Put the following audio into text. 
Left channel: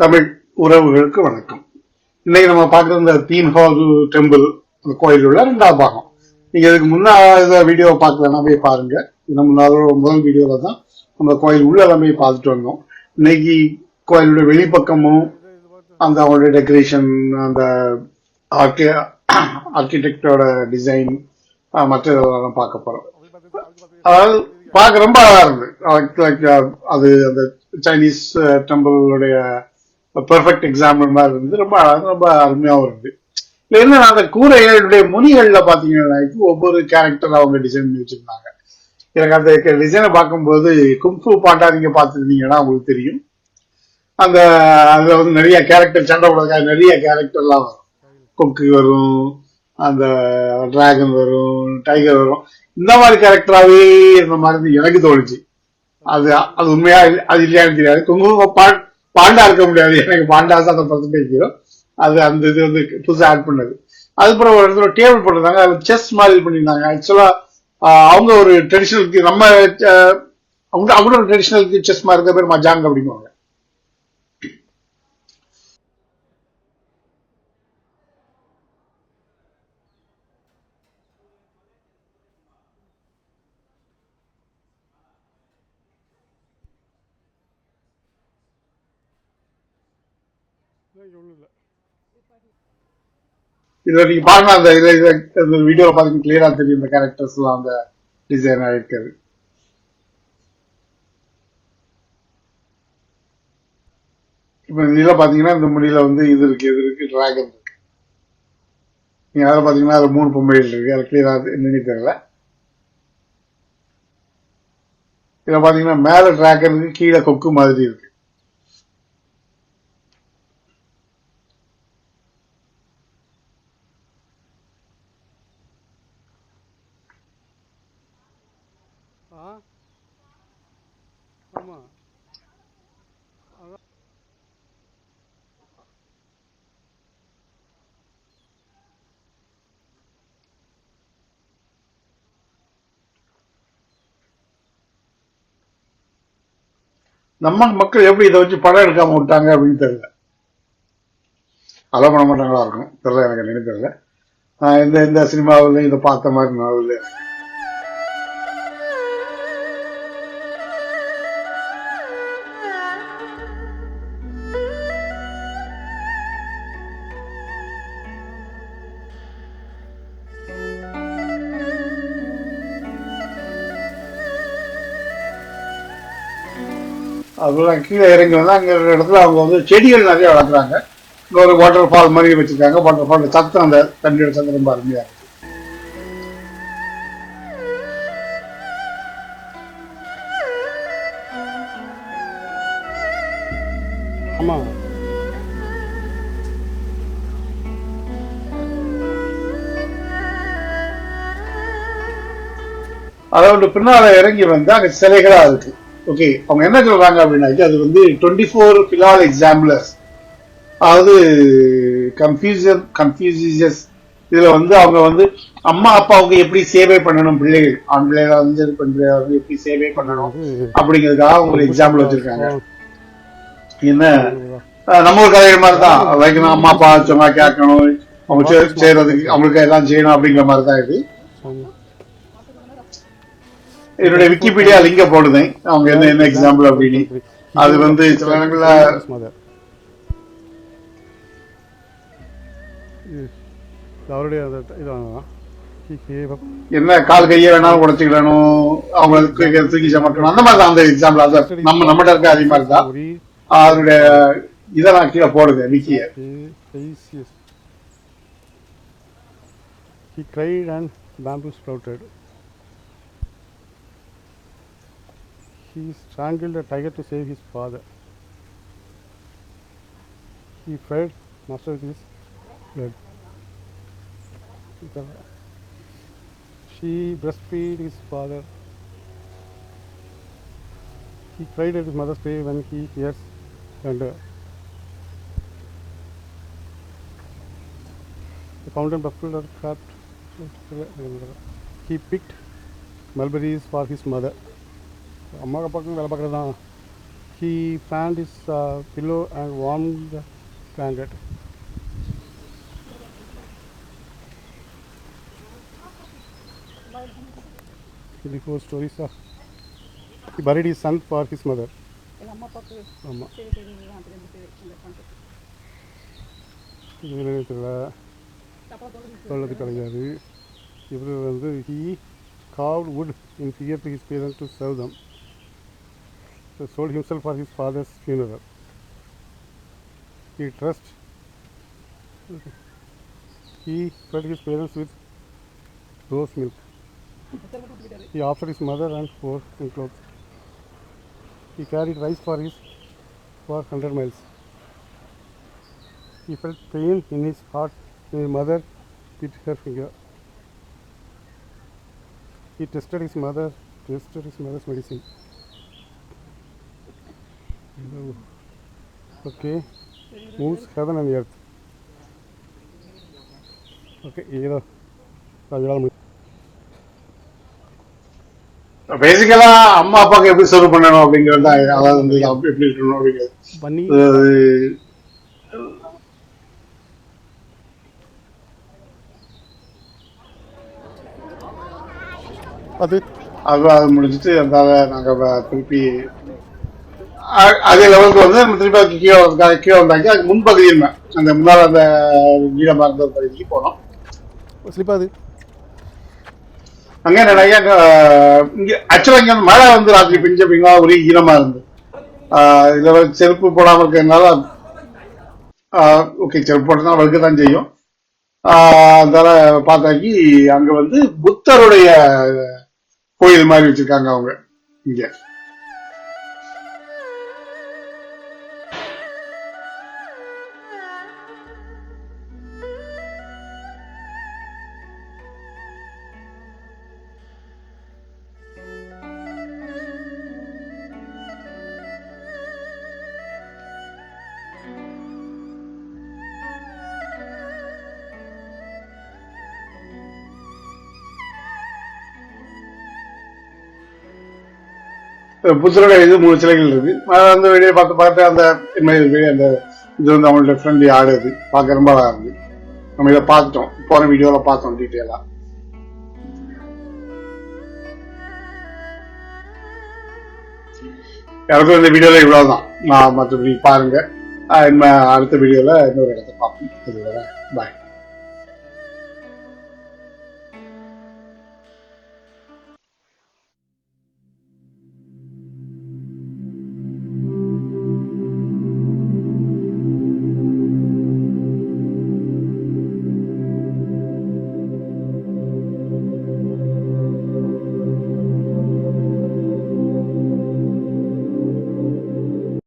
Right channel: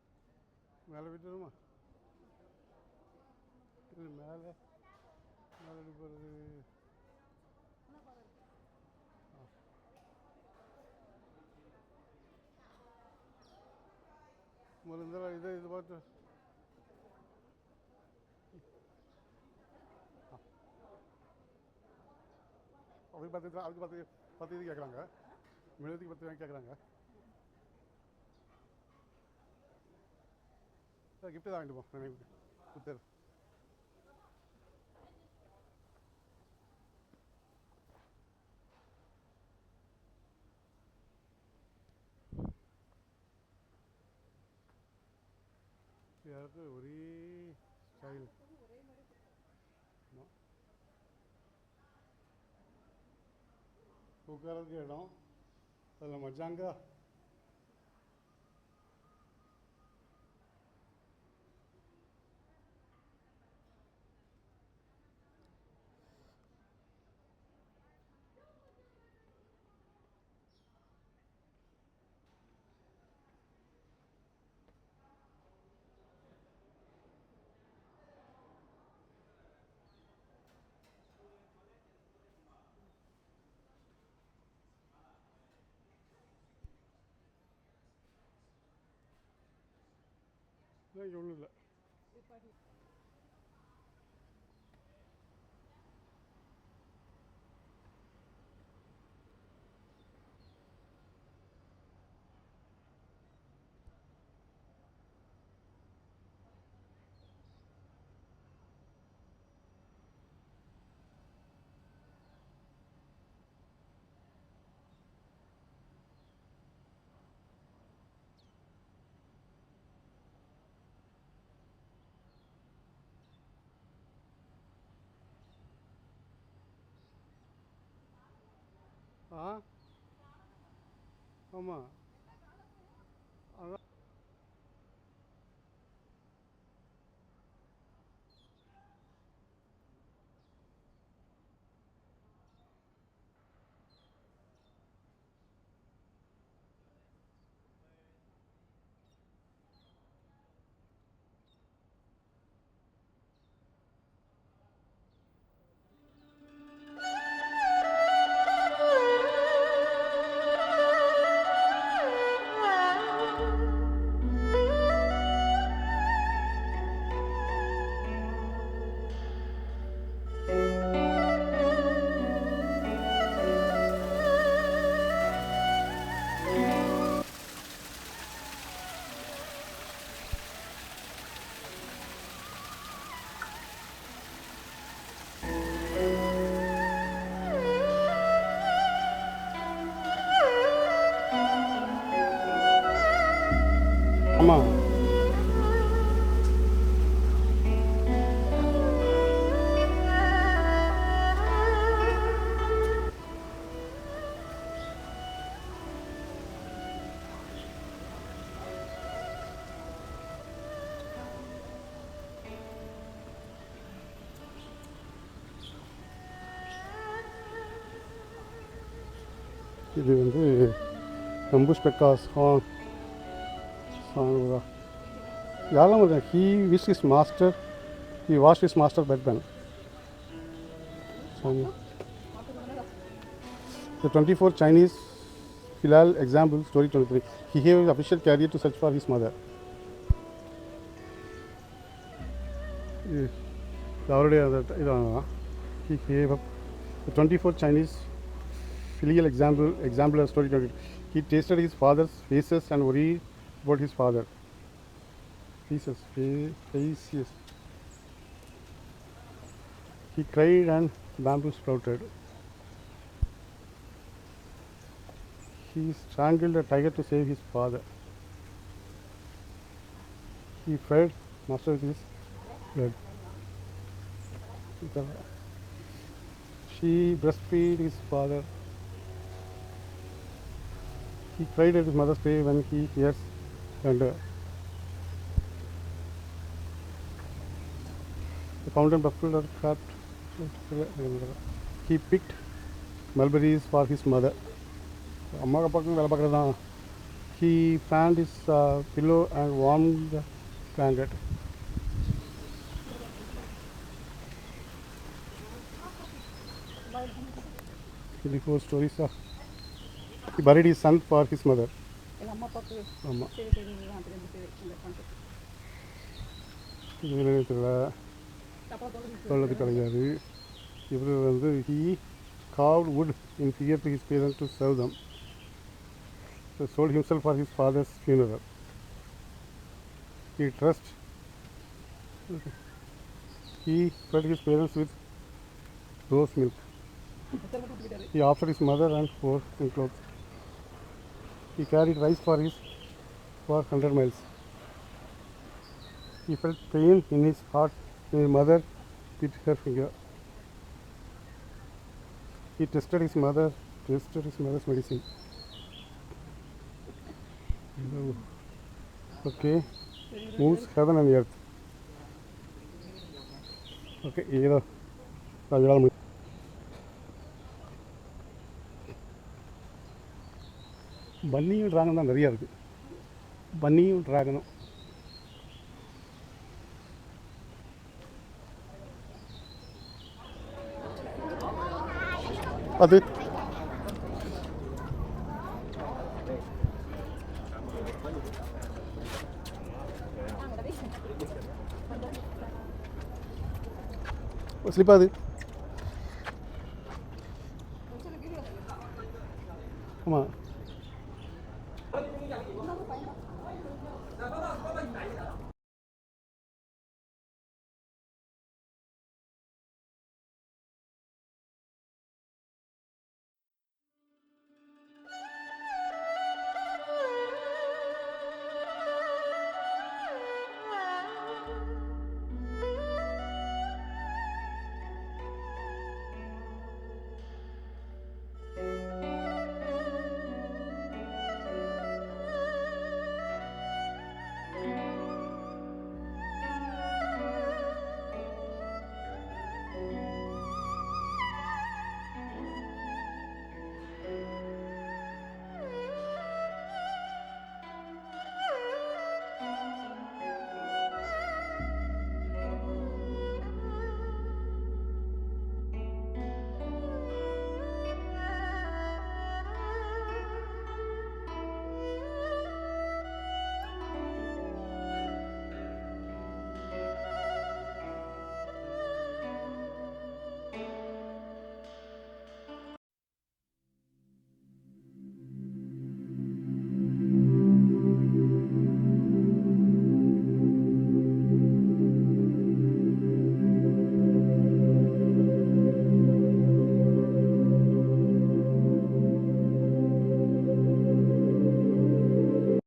தமிழ் உறவுகளுக்கு வணக்கம். இன்னைக்கு நம்ம பார்க்குற இந்த தீன் ஹால் டெம்பிள் அந்த கோயில் உள்ள ரெண்டாவது பாகம். நீங்க இதுக்கு முன்னாடி வீடியோ பார்க்கலன்னா போய் பாருங்க. நம்ம முதல் வீடியோல தான் நம்ம கோயில் உள்ள போய் பார்த்துட்டு வந்தோம். இன்னைக்கு கோயிலுடைய வெளிப்பக்கமும் அந்த அவங்களுடைய டெக்கரேஷன், அந்த ஆர்கிடெக்டோட டிசைன், மற்றதெல்லாம் பார்க்க போறோம். அதாவது பார்க்க ரொம்ப அழகா இருந்து அது அந்த சைனீஸ் டெம்பிளுடைய பெர்ஃபெக்ட் எக்ஸாம்பிள் மாதிரி இருந்து ரொம்ப ரொம்ப அருமையாகவும் இருந்து. இல்ல என்ன அந்த கூரைகளுடைய முனிகள்ல பாத்தீங்கன்னா ஒவ்வொரு கேரக்டர் அவங்க டிசைன் பண்ணி வச்சிருந்தாங்க. எனக்கு அந்த டிசைனை பார்க்கும்போது கும்ஃபு பாண்டா நீங்க பார்த்துருந்தீங்கன்னா உங்களுக்கு தெரியும். அந்த அதுல வந்து நிறைய கேரக்டர், சண்டை போடுறதுக்காக நிறைய கேரக்டர்லாம் வரும். கொக்கு வரும், அந்த டிராகன் வரும், டைகர் வரும். இந்த மாதிரி கேரக்டராகவே இருந்த மாதிரி எனக்கு தோணுச்சு. அது அது உண்மையா அது இல்லையான்னு தெரியாது. குங்கும பாண்டா இருக்க முடியாது, எனக்கு பாண்டாஸ் அந்த பர்சன்டேஜ் அது அந்த இது வந்து புதுசாக ஆட் பண்ணது. அதுக்கப்புறம் ஒரு இடத்துல டேபிள் போட்டிருந்தாங்க, அது செஸ் மாதிரி பண்ணியிருந்தாங்க. ஆக்சுவலா அவங்க ஒரு ட்ரெடிஷனலுக்கு நம்ம அவங்க ஒரு ட்ரெடிஷனலுக்கு செஸ் மாதிரி இருக்க பேர் மஜாங் அப்படிங்குவாங்க. இதுல நீங்க பாருங்க, அந்த வீடியோல பாத்தீங்கன்னா கிளியரா தெரியும் இந்த கேரக்டர்ஸ் எல்லாம் அந்த டிசைன் ஆயிருக்காது. இப்ப இதுல பாத்தீங்கன்னா இந்த முடியில வந்து இது இருக்கு டிராகன் இருக்கு. நீங்க அதில் பாத்தீங்கன்னா அது 3 பொம்மைகள் இருக்கு. அது கிளியரா என்னன்னு தெரியல. இதுல பாத்தீங்கன்னா மேல டிராகன் இருக்கு, கீழே கொக்கு மாதிரி இருக்கு. நம்ம மக்கள் எப்படி இதை வச்சு படம் எடுக்காம விட்டாங்க அப்படின்னு தெரியல. அலோ பண்ண மாட்டாங்களா இருக்கும் தெரியல, எனக்கு என்னன்னு தெரியல. இந்த சினிமாவில் இதை பார்த்த மாதிரி நாவல் அதெல்லாம் கீழே இறங்கி வந்து அங்கே இடத்துல அவங்க வந்து செடிகள் நிறைய வளர்க்குறாங்க. இங்கே ஒரு வாட்டர் ஃபால் மாதிரி வச்சிருக்காங்க. வாட்டர் ஃபால் சத்தம், அந்த தண்ணியோட சத்தம் ரொம்ப அருமையா இருக்கு. ஆமா, அதோட பின்னால இறங்கி வந்து அங்க சிலைகளா இருக்கு. ஓகே, அவங்க என்ன சொல்றாங்க அப்படின்னா அது வந்து 24 பிலால் எக்ஸாம்பிளர்ஸ், அதாவது கன்ஃபியூசியஸ். இதுல வந்து அவங்க வந்து அம்மா அப்பாவுக்கு எப்படி சேவை பண்ணணும், பிள்ளைகள் ஆண் பிள்ளைகளை வந்து பெண் பிள்ளைகளை வந்து எப்படி சேவை பண்ணணும் அப்படிங்கிறதுக்காக அவங்க எக்ஸாம்பிள் வச்சிருக்காங்க. என்ன நம்ம ஒரு கதை மாதிரி தான், அம்மா அப்பா சொன்னா கேட்கணும், அவங்க செய்யறதுக்கு அவங்களுக்கு எல்லாம் செய்யணும் அப்படிங்கிற மாதிரி தான் இது. என்னுடைய விக்கிபீடியா லிங்க போடுதேன் அவங்க என்ன எக்ஸாம்பிள் அப்படின்னு. அது வந்து அவருடைய என்ன கால் கையை வேணாலும் உடச்சுக்கிடணும், அவங்களுக்கு தூக்கி சமட்டணும், அந்த மாதிரி தான் அந்த எக்ஸாம்பிள். அது நம்ம நம்மகிட்ட இருக்க அதே மாதிரி தான். அதனுடைய இதை நான் கீழே போடுதேன் விக்கிய. He cried and bamboo sprouted. He strangled a tiger to save his father. He fed master with his blood. She breastfed his father. He cried at his mother's grave when he hears thunder. The fountain buffled or cracked. He picked mulberries for his mother. அம்மா அப்பாவுக்கும் வேலை பார்க்குறது தான். he fanned his pillow and warmed the blanket. The four stories of he buried his son for his mother. ஆமா. தொழுது கிடையாது. இவர் வந்து he carved wood in fear to his parents to serve them. So sold himself for his father's funeral. He trust. He fed his parents with rose milk. He offered his mother and four in clothes. He carried rice for 100 miles. He felt pain in his heart when his mother bit her finger. He tested his mother's medicine. Okay, moves heaven and earth. Okay, either பேசிக்கலா அம்மா அப்பாவுக்கு எப்படி serve பண்ணணும் அப்படிங்கிறது தான். அதாவது வந்து எப்படி இருக்கணும் அப்படிங்கிறது பண்ணி அது அது முடிச்சுட்டு அதனால நாங்கள் திருப்பி அதே லெவலுக்கு வந்து நம்ம திருப்பி அதுக்கு கீழே வந்தாங்க. அதுக்கு முன்பகுதியில் அந்த முன்னால் அந்த நீளமாக இருந்த பகுதிக்கு போனோம். ஸ்லிப்பாது அங்கே நிறைய இங்கே ஆக்சுவலாக இங்கே மழை வந்து ராத்திரி பெஞ்சு அப்படிங்களா ஒரே ஈரமாக இருந்து இதில் செருப்பு போடாமல் இருக்கிறதுனால ஓகே செருப்பு போட்டதுனால வழுக்க தான் செய்யும். அதனால பார்த்தாக்கி அங்கே வந்து புத்தருடைய கோயில் மாதிரி வச்சிருக்காங்க அவங்க இங்க. புத்தருடைய இது 3 சிலைகள் இருக்கு. அந்த வீடியோ பார்த்து அந்த அந்த இது வந்து அவங்களோட ஃப்ரெண்ட்லி ஆடுது பார்க்க ரொம்ப அழகா இருக்கு. நம்ம இதை பார்த்துட்டோம், போன வீடியோல பார்த்தோம் டீட்டெயிலா. எனக்கும் இந்த வீடியோல இவ்வளவுதான். மற்றபடி பாருங்க, அடுத்த வீடியோல இன்னொரு இடத்த பார்ப்போம். பாய்.